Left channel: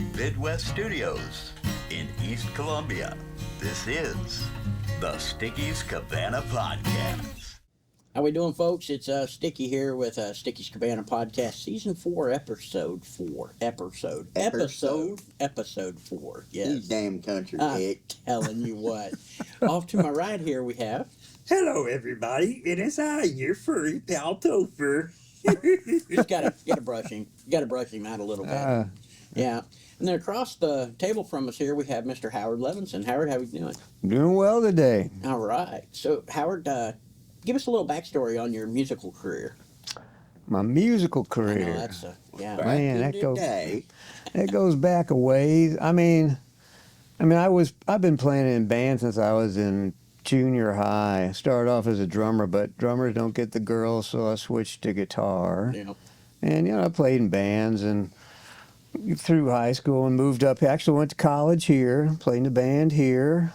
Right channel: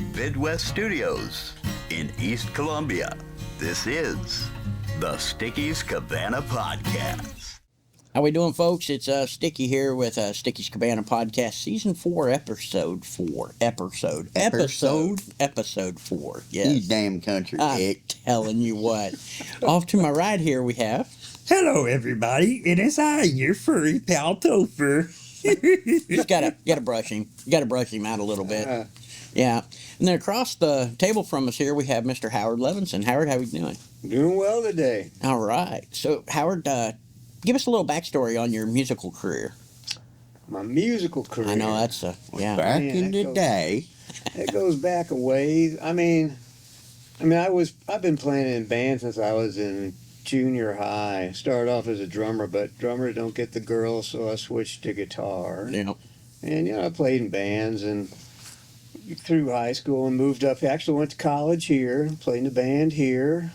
Midwest Studios in East Columbia. This is the Sticky's Cabana Podcast. How we doing, folks? It's Sticky here with Sticky's Cabana Podcast, Season 4, Episode 4. Episode 4, yes. You damn country I'm dick. telling you what. Off to my right here we have... Hello, everybody. It is I, your furry pal Topher. Just gotta brush him. You gotta brush him out a little bit. Yeah. And then across the table from us here we have Mr. Howard Levinson. Howard, how you doing? Doing well today. All right. So, Howard, give us a little backstory on your musical career. My musical career. I know that's yeah. Back Man, in the day. It goes back a ways. I've been playing in bands since I was in junior high. I started off as a drummer, but drummers don't get the girls, so I switched to guitar. Yeah. And I played in bands and through high school and moved up. Actually went to college here, played in a band here.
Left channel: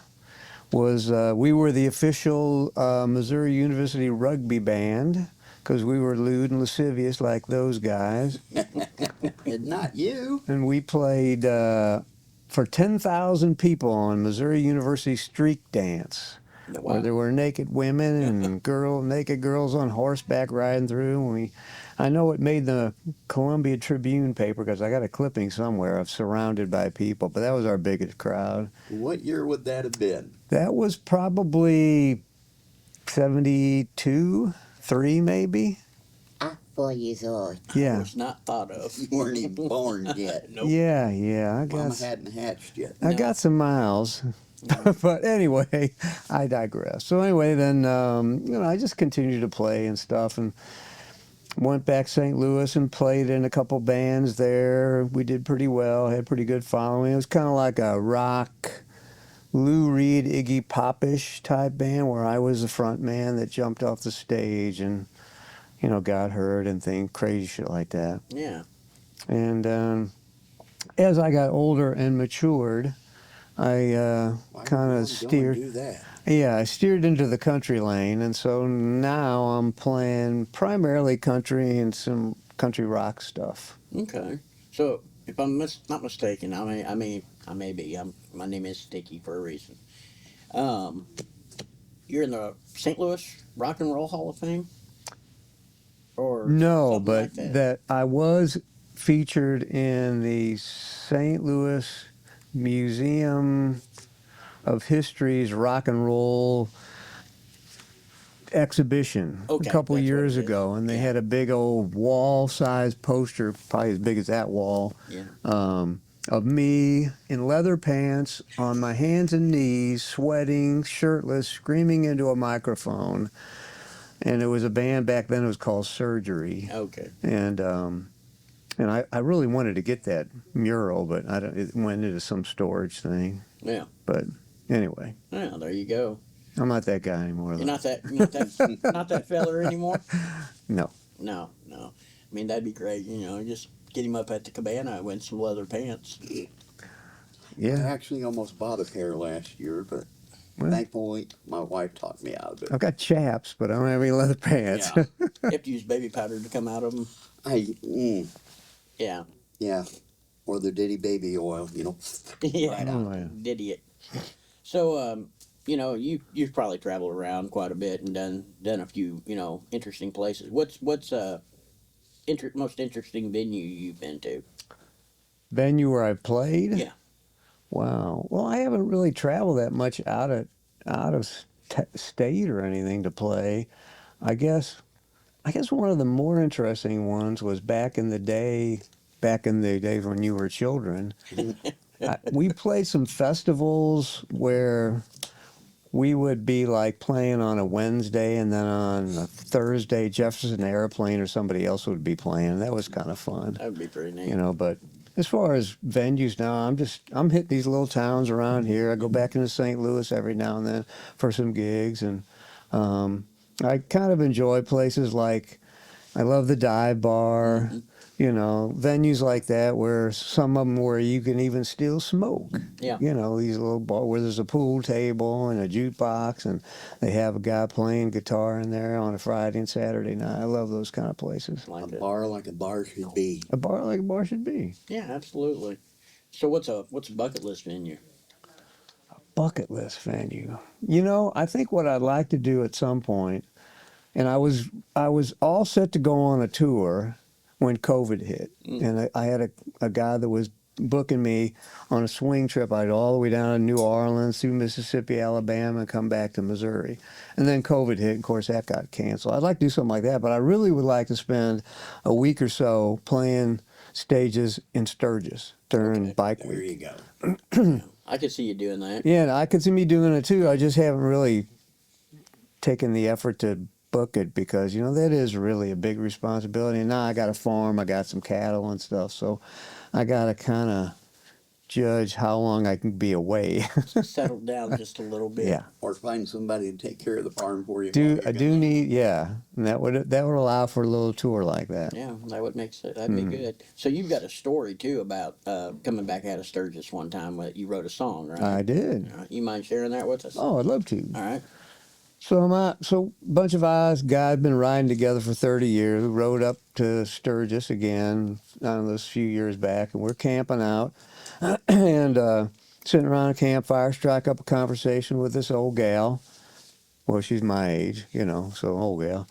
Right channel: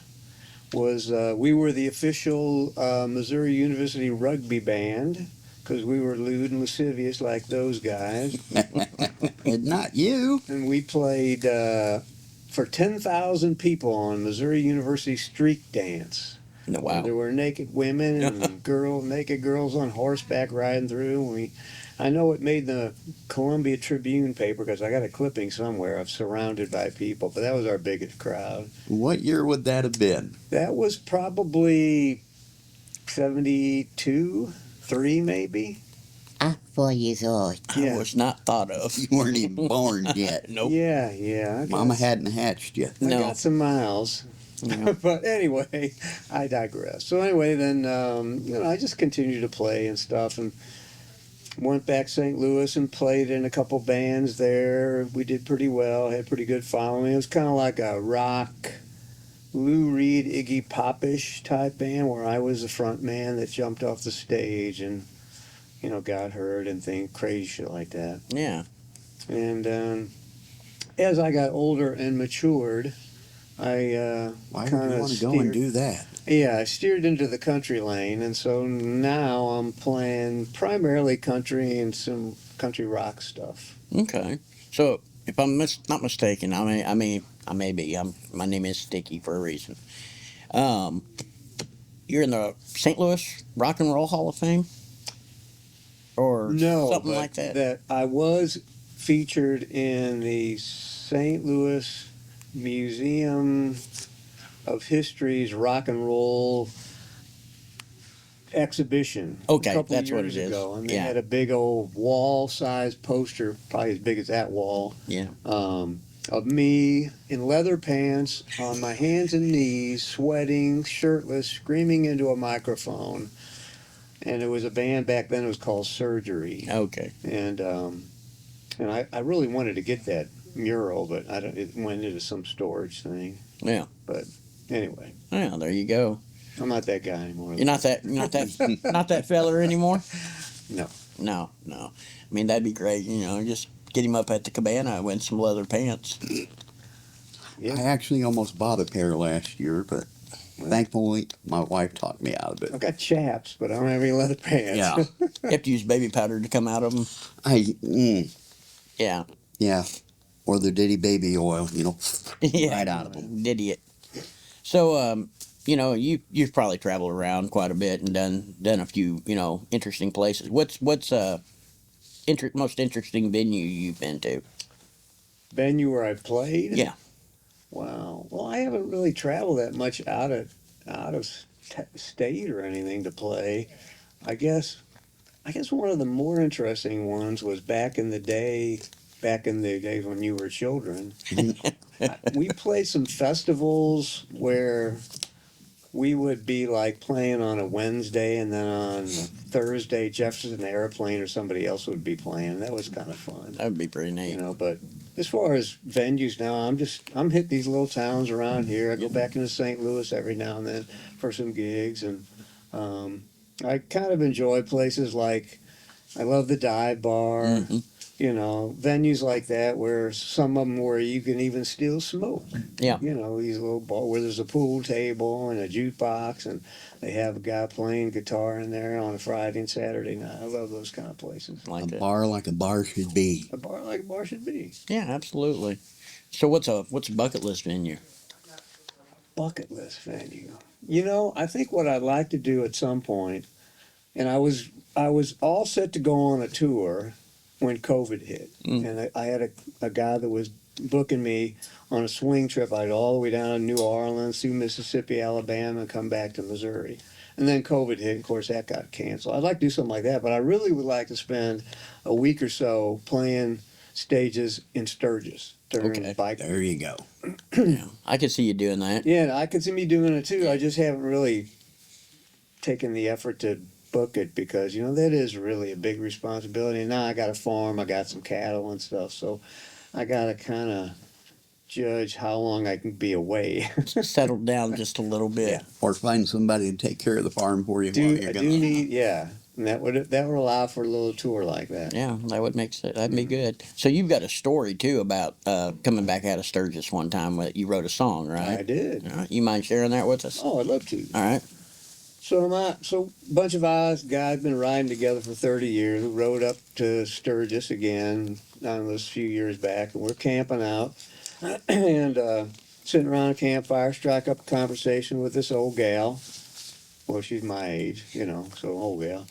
We were the official Missouri University rugby band because we were lewd and lascivious like those guys. And not you. And we played for 10,000 people on Missouri University street dance. Wow. There were naked women and naked girls on horseback riding through. I know it made the Columbia Tribune paper because I got a clipping somewhere of surrounded by people, but that was our biggest crowd. What year would that have been? That was probably 72, 3 maybe. I'm 4 years old. I was not thought of. You weren't even born yet. Nope. Yeah. Mama hadn't hatched yet. I No. got some miles. But anyway, I digress. So anyway, then, I just continued to play and stuff and went back to St. Louis and played in a couple bands there. We did pretty well, had pretty good following. It was kind of like a rock, Lou Reed, Iggy Pop-ish type band where I was the front man that jumped off the stage and, got hurt and things, crazy shit like that. Yeah. And as I got older and matured, I kind of go and do that? Yeah, I steered into the country lane, and so now I'm playing primarily country and some country rock stuff. Okay. So, if I'm not mistaken, I may be. My name is Sticky for a reason. You're in the St. Louis Rock and Roll Hall of Fame? Or No, something but like that? I was featured in the St. Louis Museum of History's rock and roll exhibition a couple that's what years it is. ago, and they had a big old wall-sized poster, probably as big as that wall, of me in leather pants on my hands and knees, sweating, shirtless, screaming into a microphone. And it was a band back then. It was called Surgery. Okay. And I really wanted to get that mural, but it went into some storage thing. Yeah. But anyway. Yeah, there you go. I'm not that guy anymore. You're not that feller anymore? No. No. I mean, that'd be great, just get him up at the cabana with some leather pants. Yeah. I actually almost bought a pair last year, but thankfully my wife talked me out of it. I've got chaps, but I don't have any leather pants. Yeah. You have to use baby powder to come out of them. Yeah. Yeah. Or the Diddy baby oil, Yeah. right out of it. Idiot. So, you've probably traveled around quite a bit and done a few, interesting places. What's most interesting venue you've been to? Venue where I played? Yeah. Wow. Well, I haven't really traveled that much out of state or anything to play. I guess one of the more interesting ones was back in the days when you were children. We played some festivals where we would be like playing on a Wednesday, and then on a Thursday Jefferson Airplane or somebody else would be playing. That was kind of fun. That would be pretty neat. But as far as venues now, I'm hitting these little towns around here. I go back into St. Louis every now and then for some gigs, and I kind of enjoy places like I love the Dive Bar. Mm-hmm. Venues like that where some of them where you can even still smoke. Yeah. These little bars where there's a pool table and a jukebox, and they have a guy playing guitar in there on a Friday and Saturday night. I love those kind of places. A bar like a bar should be. A bar like a bar should be. Yeah, absolutely. So what's a bucket list venue? Bucket list venue. You know, I think what I'd like to do at some point, and I was all set to go on a tour when COVID hit, and I had a guy that was booking me on a swing trip. I'd all the way down to New Orleans, through Mississippi, Alabama, and come back to Missouri. And then COVID hit, and of course that got canceled. I'd like to do something like that, but I really would like to spend a week or so playing stages in Sturgis during bike. There you go. Yeah, I could see you doing that. Yeah, and I could see me doing it too. I just haven't really taken the effort to book it because, you know, that is really a big responsibility. And now I got a farm, I got some cattle and stuff, so I got to kind of judge how long I can be away. Settle down just a little bit. Yeah. Or find somebody to take care of the farm for you. I do need, yeah, and that would allow for a little tour like that. Yeah, that would make sense. That'd be good. So you've got a story too about coming back out of Sturgis one time when you wrote a song, right? I did. All right. You mind sharing that with us? Oh, I'd love to. All right. So a bunch of us guys been riding together for 30 years. We rode up to Sturgis again on those few years back, and we're camping out and sitting around a campfire, strike up a conversation with this old gal. Well, she's my age, you know, so old gal.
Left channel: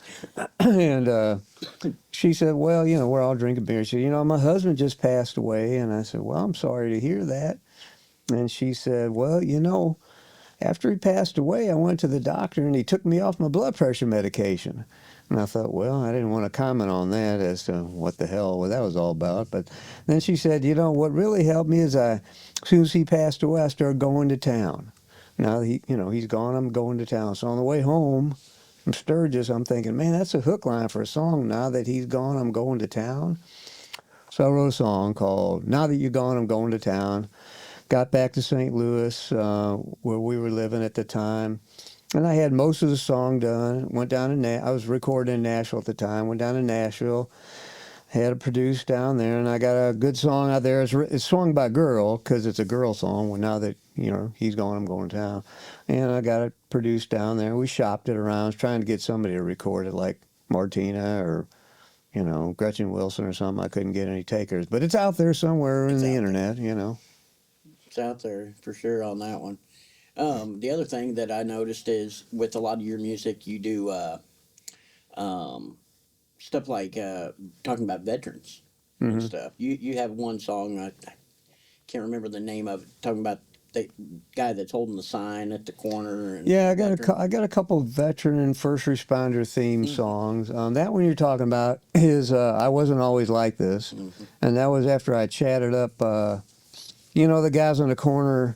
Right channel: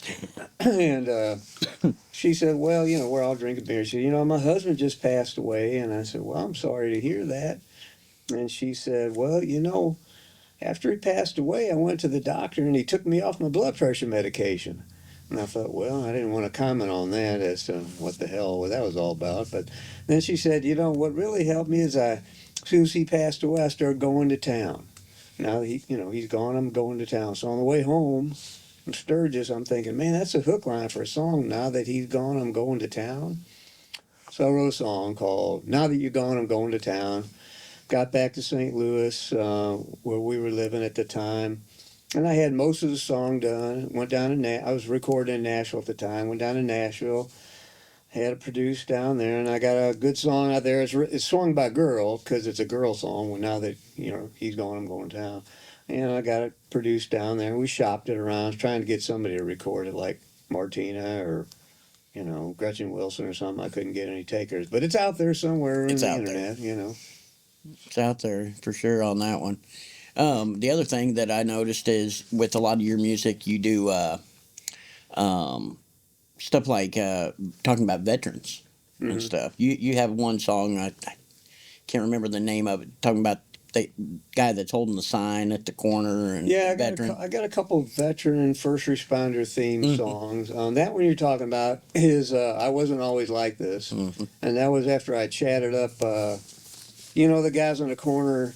And she said, well, you know, we're all drinking beer. She said, you know, my husband just passed away. And I said, well, I'm sorry to hear that. And she said, well, you know, after he passed away, I went to the doctor and he took me off my blood pressure medication. And I thought, well, I didn't want to comment on that as to what the hell that was all about. But then she said, you know, what really helped me is as soon as he passed away, I started going to town. Now he's gone, I'm going to town. So on the way home from Sturgis, I'm thinking, man, that's a hook line for a song. Now that he's gone, I'm going to town. So I wrote a song called Now That You're Gone, I'm Going to Town. Got back to St. Louis, where we were living at the time. And I had most of the song done. Went down to I was recording in Nashville at the time. Went down to Nashville. Had it produced down there, and I got a good song out there. It's sung by a girl because it's a girl song. Well, now that he's gone, I'm going to town, and I got it produced down there. We shopped it around, I was trying to get somebody to record it, like Martina or Gretchen Wilson or something. I couldn't get any takers, but it's out there somewhere in the internet. It's out there for sure on that one. The other thing that I noticed is with a lot of your music, you do stuff like talking about veterans and stuff. You have one song, I can't remember the name of it, talking about the guy that's holding the sign at the corner. And yeah, I got a couple of veteran and first responder theme songs. That one you're talking about is I Wasn't Always Like This, and that was after I chatted up, the guys on the corner,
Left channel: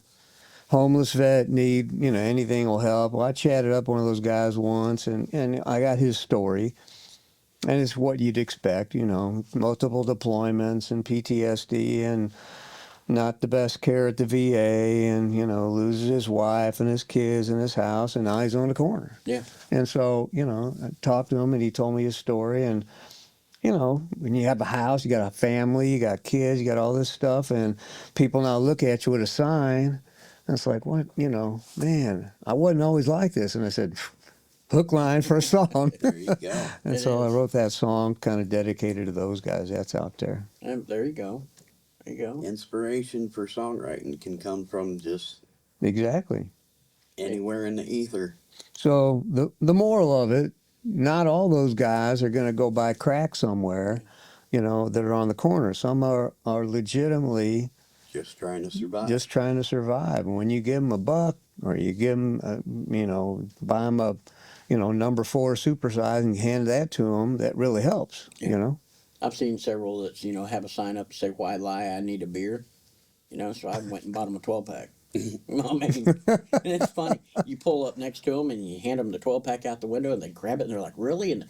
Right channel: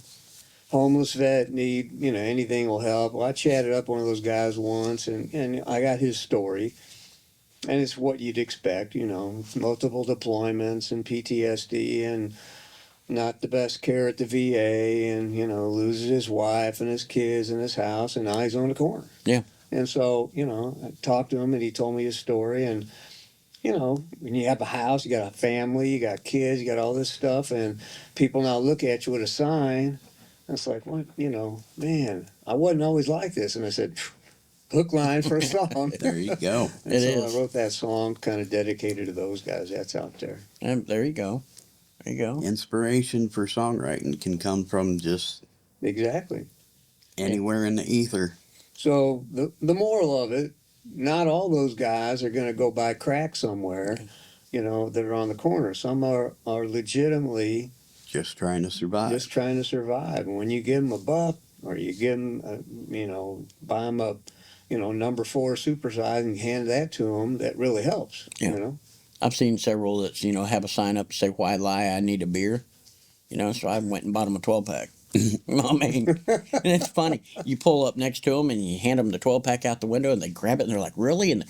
homeless vet, need, anything will help. Well, I chatted up one of those guys once, and I got his story. And it's what you'd expect, multiple deployments and PTSD and not the best care at the VA and, loses his wife and his kids and his house, and now he's on the corner. Yeah. And so, I talked to him and he told me his story. And, when you have a house, you got a family, you got kids, you got all this stuff, and people now look at you with a sign. And it's like, what, man, I wasn't always like this. And I said, hook line for a song. There you go. And I wrote that song kind of dedicated to those guys. That's out there. And there you go. There you go. Inspiration for songwriting can come from just Exactly. anywhere in the ether. So the moral of it, not all those guys are going to go buy crack somewhere, that are on the corner. Some are legitimately Just trying to survive. just trying to survive. And when you give them a buck, or you give them, buy them a, number 4 supersize and hand that to them, that really helps. Yeah. I've seen several that have a sign up say, "Why lie? I need a beer." So I went and bought them a 12-pack. I mean, and it's funny. You pull up next to them and you hand them the 12-pack out the window, and they grab it and they're like, "Really?" And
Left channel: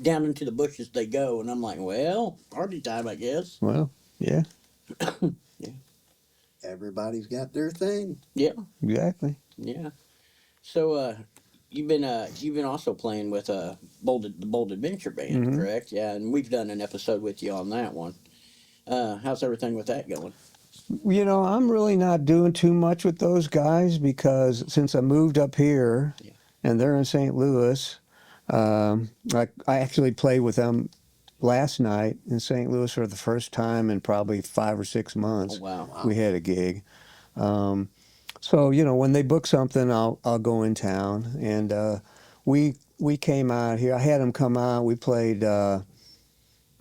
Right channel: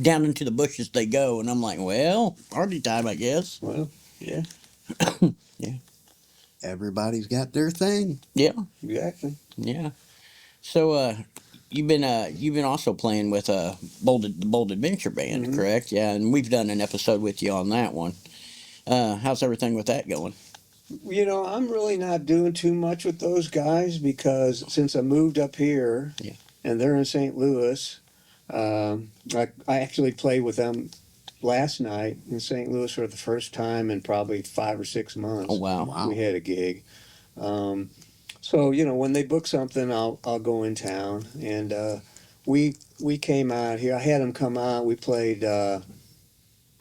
down into the bushes they go. And I'm like, "Well, party time, I guess." Well, yeah. Yeah. Everybody's got their thing. Yeah. Exactly. Yeah. So you've been also playing with the Bold Adventure Band, correct? Yeah, and we've done an episode with you on that one. How's everything with that going? I'm really not doing too much with those guys because since I moved up here, and they're in St. Louis, I actually played with them last night in St. Louis for the first time in probably 5 or 6 months. Oh wow. Wow. We had a gig. So when they book something, I'll go in town, and we came out here. I had them come out. We played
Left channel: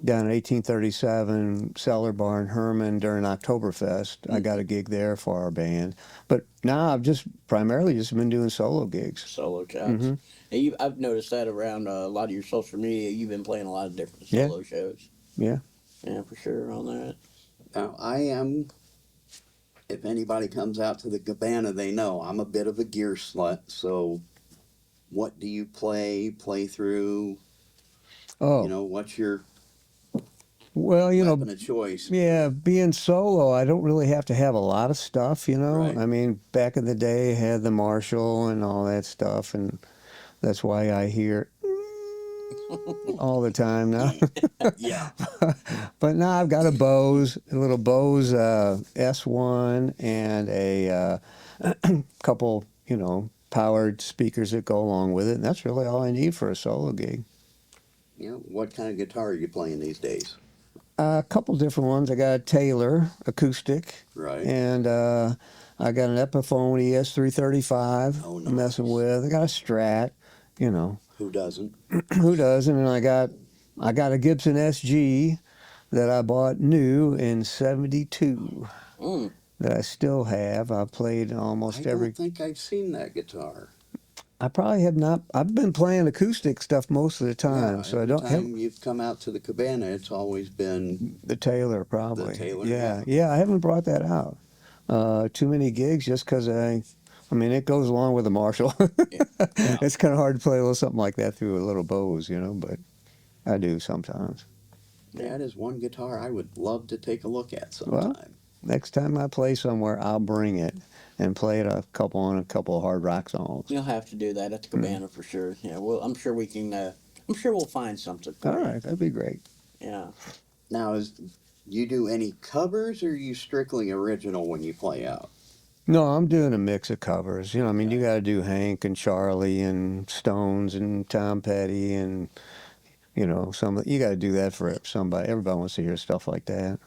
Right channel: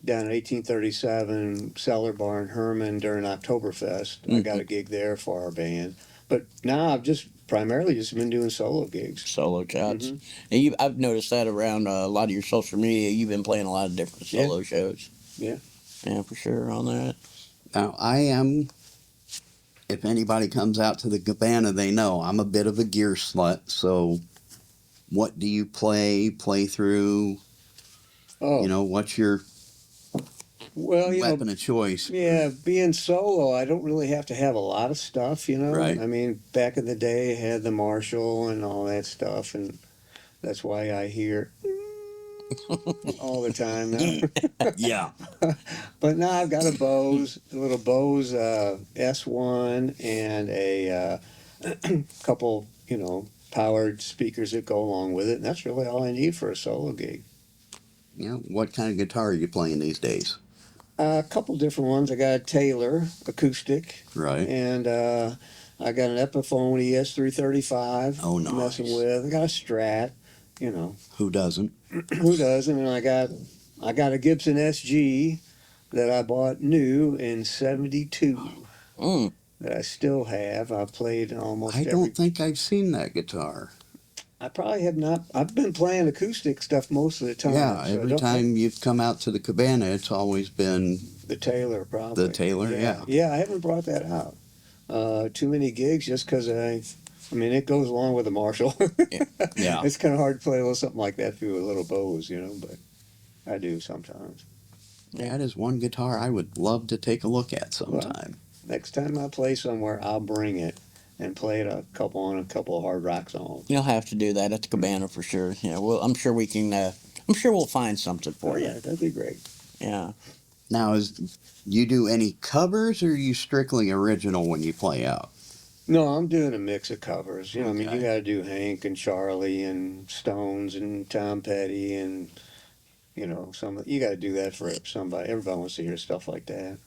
down in 1837 Cellar Bar in Herman during Oktoberfest. I got a gig there for our band. But now I've primarily just been doing solo gigs. Solo shots. And I've noticed that around a lot of your social media. You've been playing a lot of different solo shows. Yeah. Yeah, for sure on that. Now, I am, if anybody comes out to the Cabana, they know I'm a bit of a gear slut. So, what do you play through? Oh, What's your well, weapon of choice? yeah, being solo, I don't really have to have a lot of stuff, Right. I mean, back in the day, I had the Marshall and all that stuff, and that's why I hear all the time now. Yeah. But now I've got a little Bose S1 and a couple, powered speakers that go along with it, and that's really all I need for a solo gig. What kind of guitar are you playing these days? A couple different ones. I got a Taylor acoustic, Right. and I got an Epiphone ES335. Oh, I'm messing nice. with. I got a Strat. Who doesn't? Who doesn't? And I got a Gibson SG that I bought new in '72 Mm. that I still have. I've played almost I every. don't think I've seen that guitar. I probably have not. I've been playing acoustic stuff most of the time. Yeah, so I every don't time you've come out to the Cabana, it's always been the Taylor probably. the Taylor. Yeah. Yeah, I haven't brought that out. Too many gigs just because I mean, it goes along with the Marshall. Yeah. It's kind of hard to play a little something like that through a little Bose, but I do sometimes. That is one guitar I would love to take a look at sometime. Next time I play somewhere, I'll bring it and play it a couple of hard rock songs. You'll have to do that at the Cabana for sure. Yeah, well, I'm sure we can. I'm sure we'll find something for All you. right, that'd be great. Yeah. Now, you do any covers, or are you strictly original when you play out? No, I'm doing a mix of covers. I mean, you Okay. got to do Hank and Charlie and Stones and Tom Petty and you got to do that for somebody. Everybody wants to hear stuff like that.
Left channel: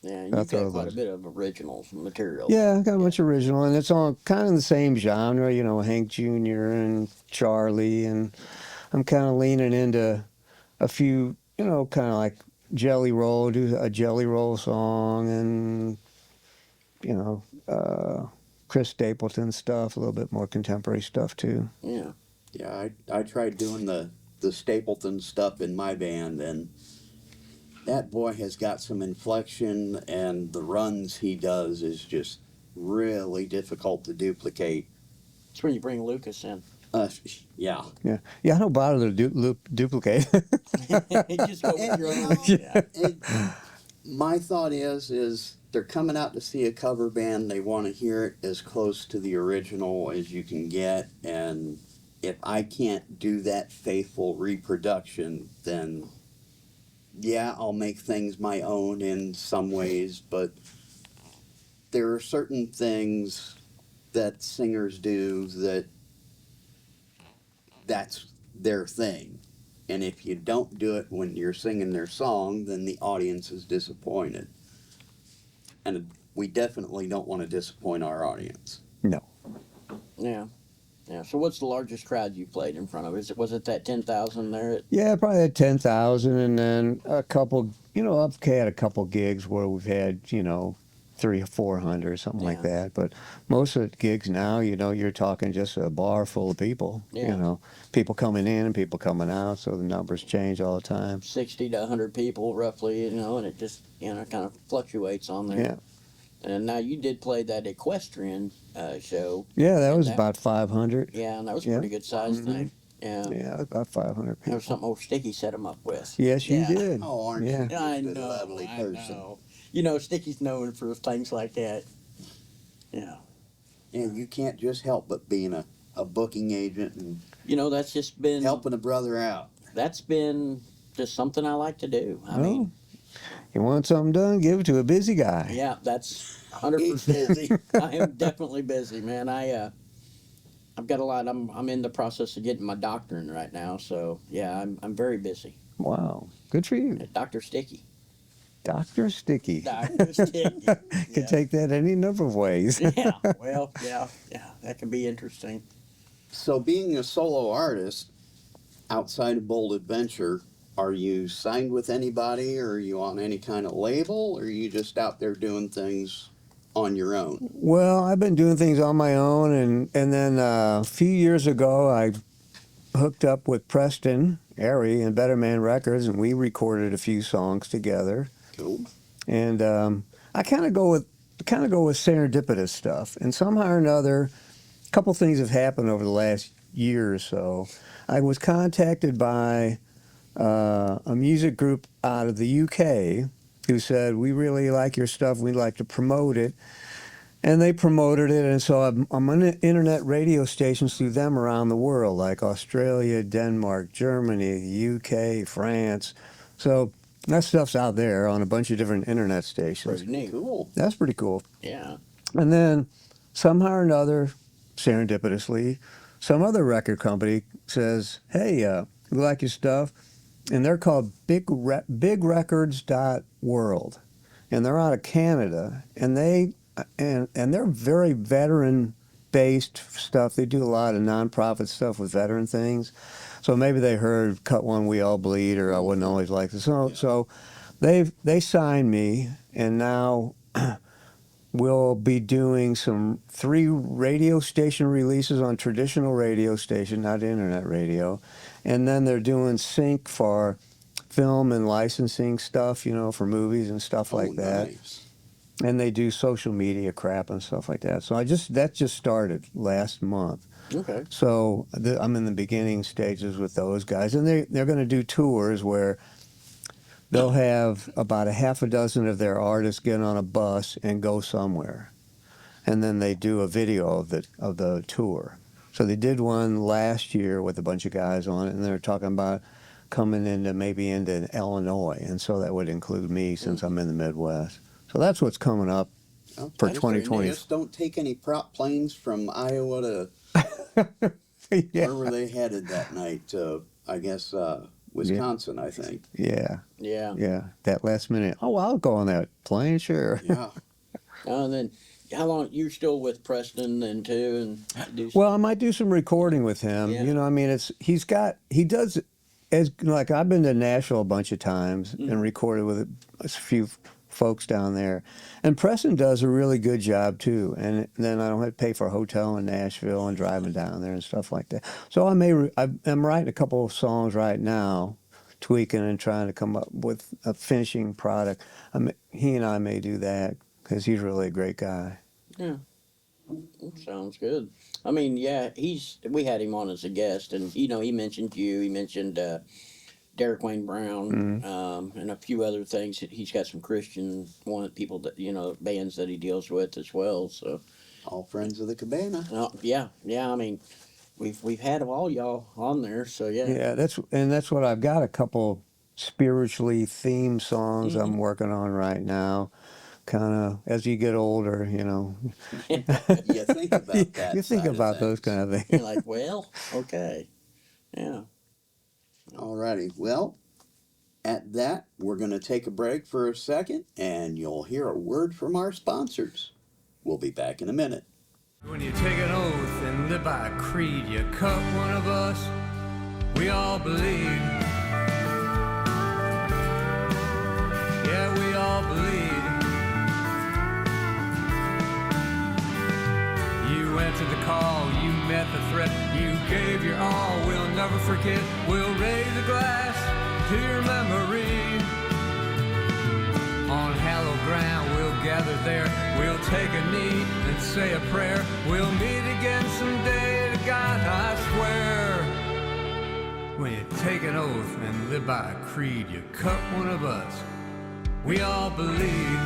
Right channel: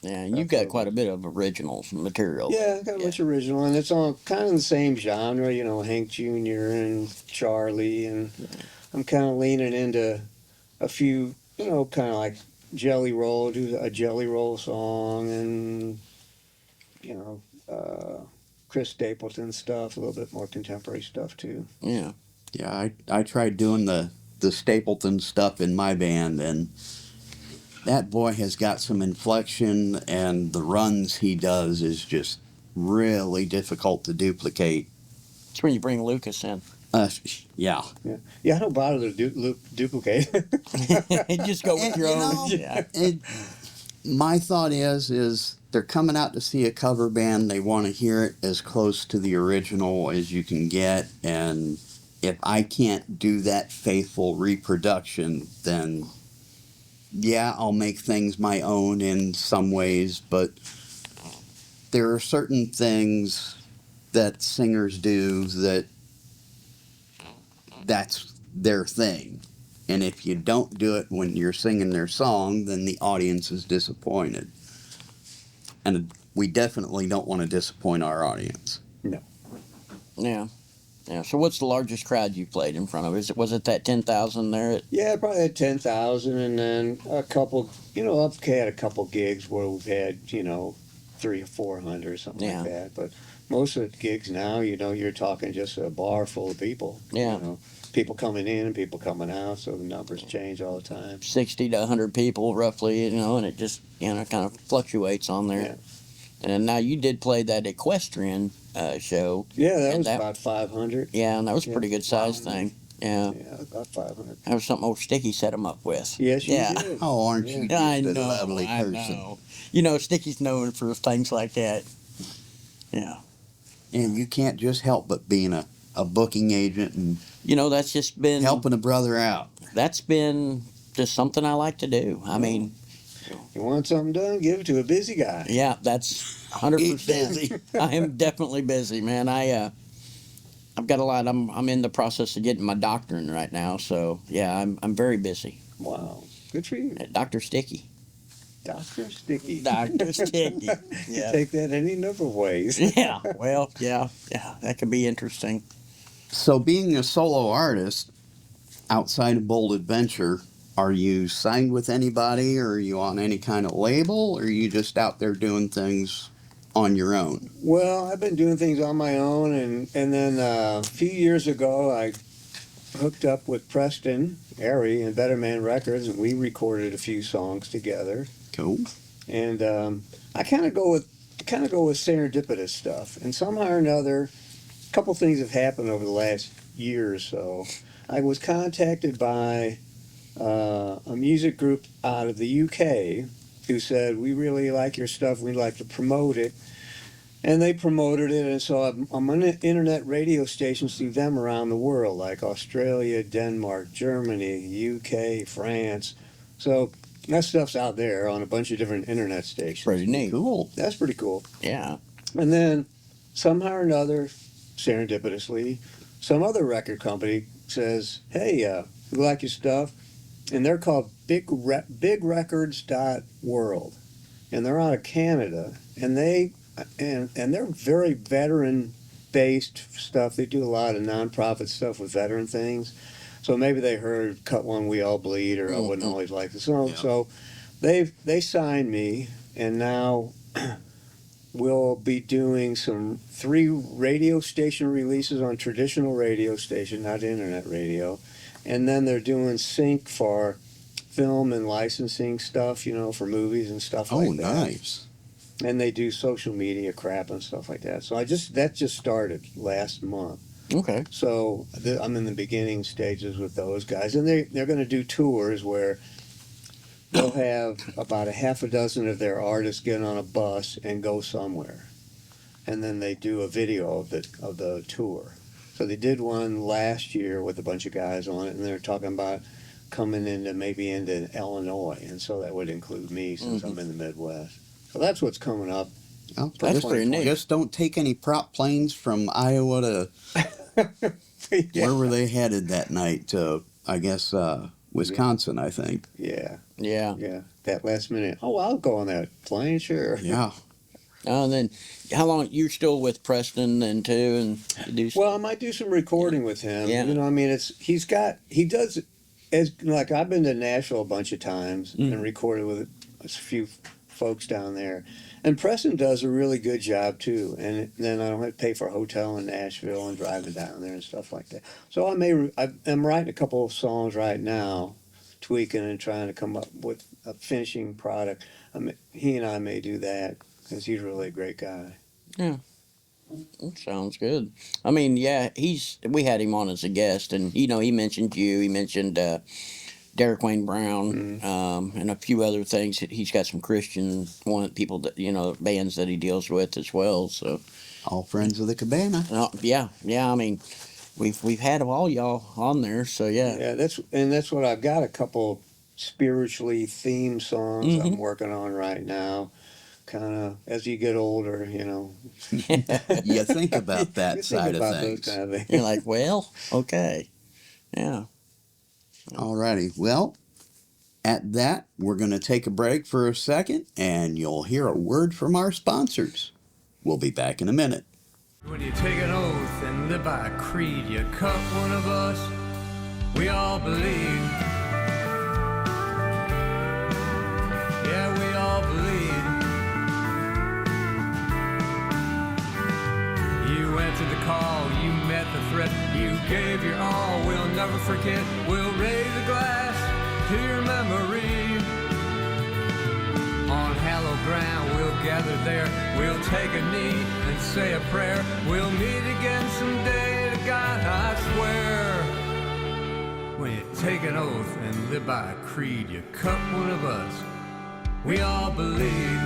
Yeah, That's you've got how it quite a goes. bit of originals material. Yeah, I got a bunch of original, and it's all kind of the same genre. Hank Jr. and Charlie, and I'm kind of leaning into a few, kind of like Jelly Roll, do a Jelly Roll song, and Chris Stapleton stuff, a little bit more contemporary stuff too. Yeah. Yeah, I tried doing the Stapleton stuff in my band, and that boy has got some inflection, and the runs he does is just really difficult to duplicate. It's when you bring Lucas in. Yeah. Yeah, I don't bother to duplicate. Just go with And, your you own. know, Yeah. My thought is they're coming out to see a cover band. They want to hear it as close to the original as you can get, and if I can't do that faithful reproduction, then yeah, I'll make things my own in some ways, but there are certain things that singers do that's their thing. And if you don't do it when you're singing their song, then the audience is disappointed. And we definitely don't want to disappoint our audience. Yeah. Yeah. So what's the largest crowd you played in front of? Was it that 10,000 there? Yeah, probably had 10,000, and then a couple. I've had a couple gigs where we've had 300 or 400 or something Yeah. like that. But most of the gigs now, you're talking just a bar full of people. Yeah. People coming in and people coming out, so the numbers change all the time. 60 to 100 people roughly, and it just kind of fluctuates on there. Yeah. And now you did play that equestrian show. Yeah, that And was that- about 500. Yeah, and that was a Yeah. pretty good sized thing. Yeah. Yeah, about 500 That people. was something old Sticky set him up with. Yes, you Yeah. did. Oh, aren't Yeah. you Yeah, I just a know. lovely I person? know. Sticky's known for things like that. Yeah. And you can't just help but being a booking agent and That's just been helping a brother out. that's been just something I like to do. I mean, You want something done? Give it to a busy guy. yeah, that's 100%. I am definitely busy, man. I've got a lot. I'm in the process of getting my doctorate right now, so yeah, I'm very busy. Wow. Good for you. Dr. Sticky. Dr. Sticky. Dr. Sticky. You Yeah. take that any number of ways. Yeah. Well, yeah. That could be interesting. So, being a solo artist outside of Bold Adventure, are you signed with anybody, or are you on any kind of label, or are you just out there doing things on your own? Well, I've been doing things on my own, and then a few years ago, I hooked up with Preston Airy and Better Man Records, and we recorded a few songs together. Cool. And I kind of go with serendipitous stuff, and somehow or another, a couple things have happened over the last year or so. I was contacted by a music group out of the UK who said, we really like your stuff, we'd like to promote it. And they promoted it, and so I'm on internet radio stations through them around the world, like Australia, Denmark, Germany, UK, France. So that stuff's out there on a bunch of different internet stations. Pretty neat. Cool. That's pretty cool. Yeah. And then somehow or another, serendipitously, some other record company says, hey, we like your stuff. And they're called bigrecords.world. And they're out of Canada. And they're very veteran-based stuff. They do a lot of nonprofit stuff with veteran things. So maybe they heard "Cut One, We All Bleed" or "I Wouldn't Always Like This." So they signed me, and now we'll be doing 3 radio station releases on traditional radio station, not internet radio, and then they're doing sync for film and licensing stuff, for movies and stuff like that. Nice. And they do social media crap and stuff like that. So that just started last month. Okay. So I'm in the beginning stages with those guys, and they're going to do tours where they'll have about a half a dozen of their artists get on a bus and go somewhere, and then they do a video of the tour. So they did one last year with a bunch of guys on it, and they're talking about coming into Illinois, and so that would include me since I'm in the Midwest. So that's what's coming up Oh, for That's pretty 2020. Just don't take any prop planes from Iowa to where were they headed that night? To I guess Wisconsin, I think. Yeah, Yeah. that last minute. Oh, I'll go on that plane, sure. Yeah. And then, how long you're still with Preston then too, and you do? Well, I might do some recording with him. Yeah. I mean, he does like I've been to Nashville a bunch of times and recorded with a few folks down there, and Preston does a really good job too. And then I don't have to pay for a hotel in Nashville and driving down there and stuff like that. So I'm writing a couple of songs right now, tweaking and trying to come up with a finishing product. He and I may do that because he's really a great guy. Yeah. That sounds good. I mean, yeah, we had him on as a guest, and he mentioned you. He mentioned Derek Wayne Brown, and a few other things. He's got some Christian people that bands that he deals with as well. So, All friends of the Cabana. yeah. I mean, we've had all y'all on there. So yeah. Yeah, that's what I've got. A couple spiritually themed songs I'm working on right now. Kind of as you get older, You think about that. you side think about of those things. kind of things. You're like, well, okay, yeah. Alrighty. Well, at that, we're going to take a break for a second, and you'll hear a word from our sponsors. We'll be back in a minute. When you take an oath and live by a creed, you cut one of us, we all bleed. Yeah, we all bleed. You answered the call, you met the threat, you gave your all, we'll never forget. We'll raise a glass to your memory. On hallowed ground, we'll gather there, we'll take a knee and say a prayer. We'll meet again someday, to God I swear. When you take an oath and live by a creed, you cut one of us, we all bleed.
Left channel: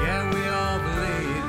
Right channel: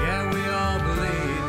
Yeah, we all bleed.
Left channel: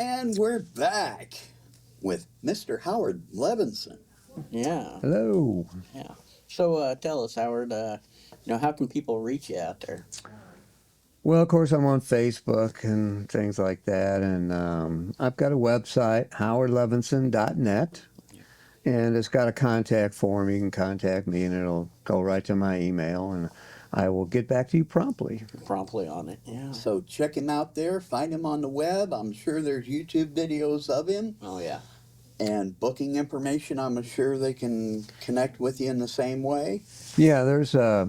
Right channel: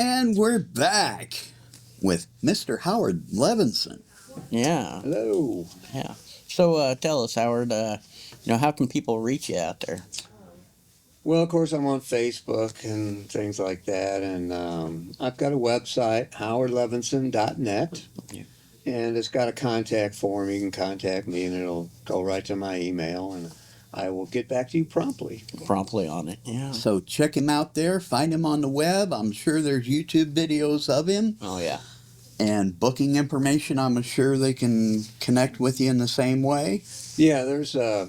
And we're back with Mr. Howard Levinson. Yeah. Hello. Yeah. So tell us, Howard, how can people reach you out there? Well, of course, I'm on Facebook and things like that, and I've got a website, howardlevinson.net, Yeah. and it's got a contact form. You can contact me, and it'll go right to my email, and I will get back to you promptly. Promptly on it. Yeah. So check him out there. Find him on the web. I'm sure there's YouTube videos of him. Oh, yeah. And booking information, I'm sure they can connect with you in the same way. Yeah, there's well,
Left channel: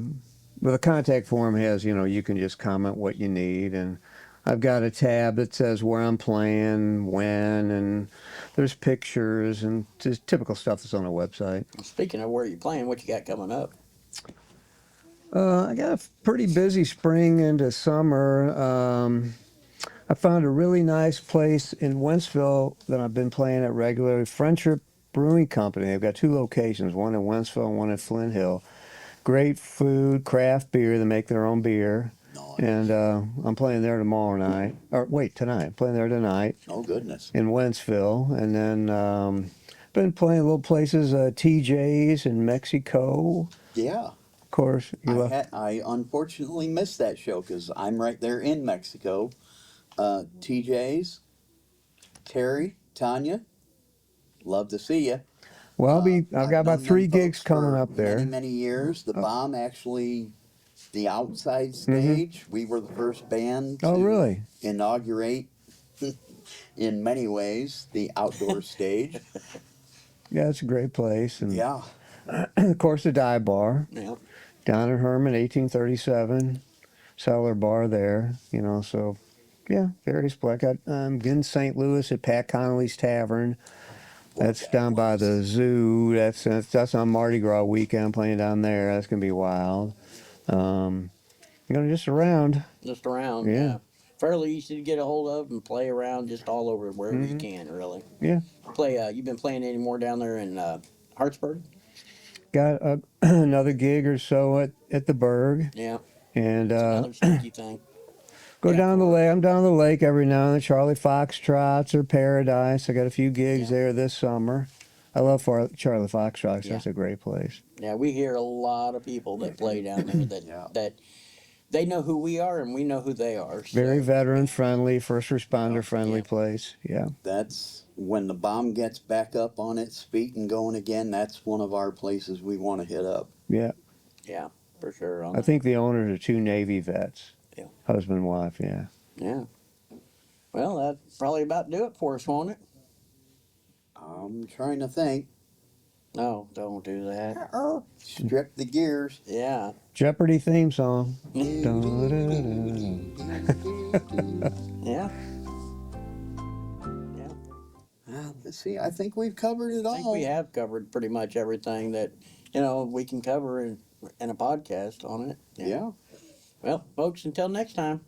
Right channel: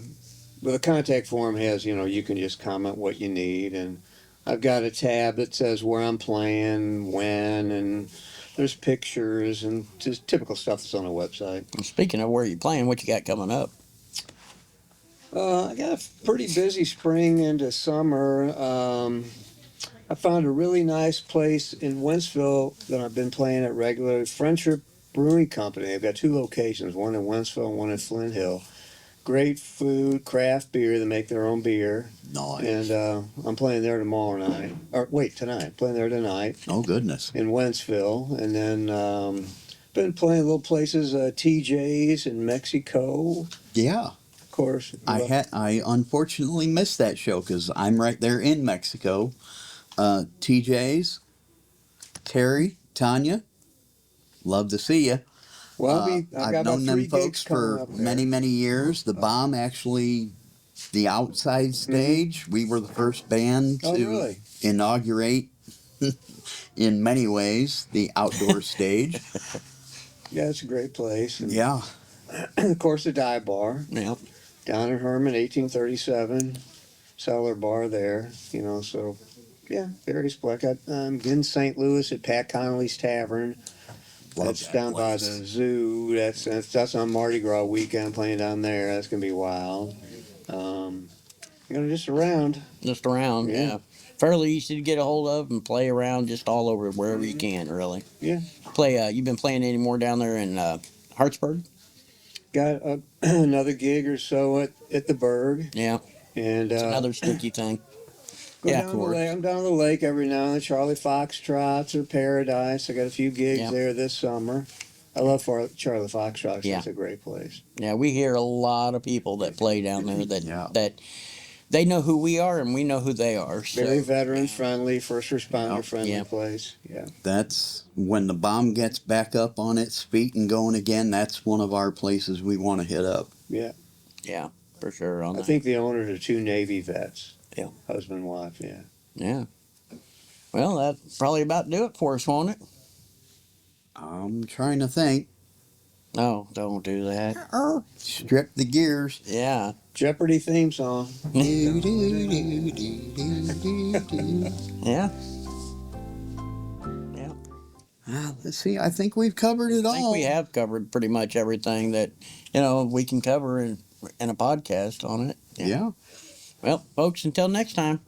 the contact form has, you can just comment what you need, and I've got a tab that says where I'm playing, when, and there's pictures and just typical stuff that's on the website. Speaking of where you're playing, what you got coming up? I got a pretty busy spring into summer. I found a really nice place in Wentzville that I've been playing at regularly. Friendship Brewing Company. They've got 2 locations, one in Wentzville and one in Flint Hill. Great food, craft beer. They make their own beer. Nice. And I'm playing there tomorrow night. Or wait, tonight. I'm playing there tonight Oh, goodness. in Wentzville. And then been playing little places, TJ's in Mexico. Yeah. Of course. I unfortunately missed that show because I'm right there in Mexico. TJ's, Terry, Tanya, love to see you. Well, I've got about known 3 them gigs folks coming for up there. many, many years. The Bomb actually, the outside stage, we were the first band to Oh, really? inaugurate, in many ways, the outdoor stage. Yeah, it's a great place. And Yeah. of course, the dive bar Yeah. down in Herman, 1837, cellar bar there. So yeah, various places. I'm in St. Louis at Pat Connolly's Tavern. Love That's that down by place. the zoo. That's on Mardi Gras weekend. Playing down there. That's gonna be wild. Just around. Just around, Yeah. yeah. Fairly easy to get a hold of and play around just all over wherever you can, really. Yeah. You've been playing any more down there in Hartsburg? Got another gig or so at the Berg, Yeah. and It's another sticky thing. go Yeah, down the of course. lake. I'm down the lake every now and then. Charlie Foxtrots or Paradise. I got a few gigs Yeah. there this summer. I love Charlie Foxtrots. Yeah. That's a great place. Yeah, we hear a lot of people that play down there that Yeah. that they know who we are and we know who they are. So, Very veteran friendly, first responder friendly Yeah. place. Yeah. That's when the Bomb gets back up on its feet and going again. That's one of our places we want to hit up. Yeah. yeah, for sure. On I that. think the owners are 2 Navy vets. Yeah. Husband and wife. Yeah. Yeah. Well, that's probably about do it for us, won't it? I'm trying to think. No, don't do that. Strip the gears. Yeah. Jeopardy theme song. Yeah. Let's see. I think we've covered it I think all. we have covered pretty much everything that, we can cover in a podcast on it. Yeah. Well, folks, until next time.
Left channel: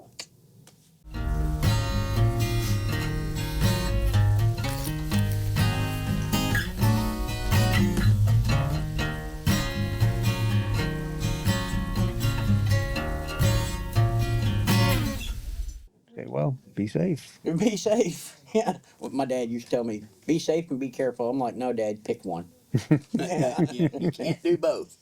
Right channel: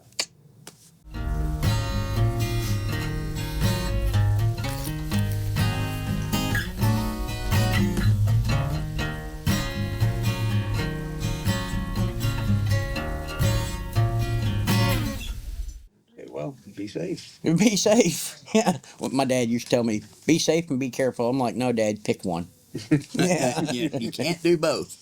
Okay, well, be safe. Be safe. Yeah. Well, my dad used to tell me, be safe and be careful. I'm like, no, Dad, pick one. You can't do both.